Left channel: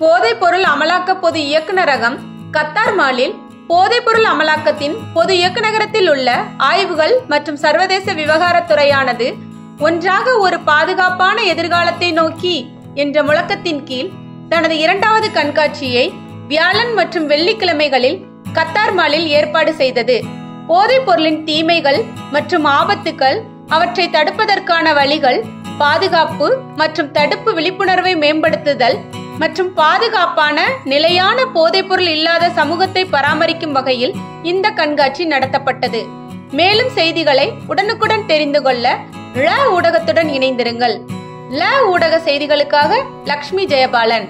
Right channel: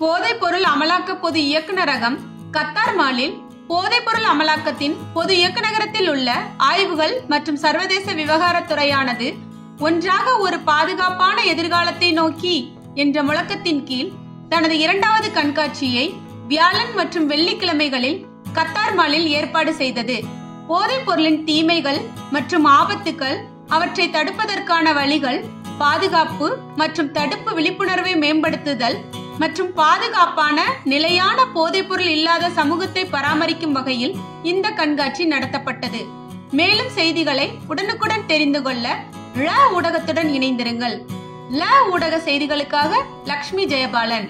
போதைப்பொருள் அமலாக்க பொது இயக்குநரகம் கத்தார் மாலில் போதைப்பொருள் அமலாக்கத்தின் பொது இயக்குநரகத்தில் உள்ள ஆய்வுகள் மற்றும் சர்வதேச விவகாரத்துறையானது ஒன்றாக ஒரு பாதுகாப்பான எதிர்காலத்தை நோக்கி என்ற முழக்கத்தின் கீழ் தனது 2வது கண்காட்சியை வியாழன் மற்றும் வெள்ளிக்கிழமைகளில் கத்தார் மாலில் ஏற்பாடு செய்தது. போதைப் பொருளின் தீமைகள் மற்றும் ஆபத்துக்கள், அவற்றை தடுப்பதற்கான வழிகள், பாதுகாப்பு மற்றும் தடுப்பு விழிப்புணர்வை மேம்படுத்துதல் மற்றும் பாதுகாப்பான நிலையான போதைப்பொருள் இல்லாத சமூகத்தை பராமரிக்கும் வகையில் இந்த கண்காட்சி நடத்தப்பட்டது. மேலும் செய்திகளை உடனுக்குடன் தெரிந்து கொள்ள ல ஊடகத்துடன் இணைந்திருங்கள். ல ஊடக செய்திகளுக்காக லக்ஷ்மி ஜெயபாலன்.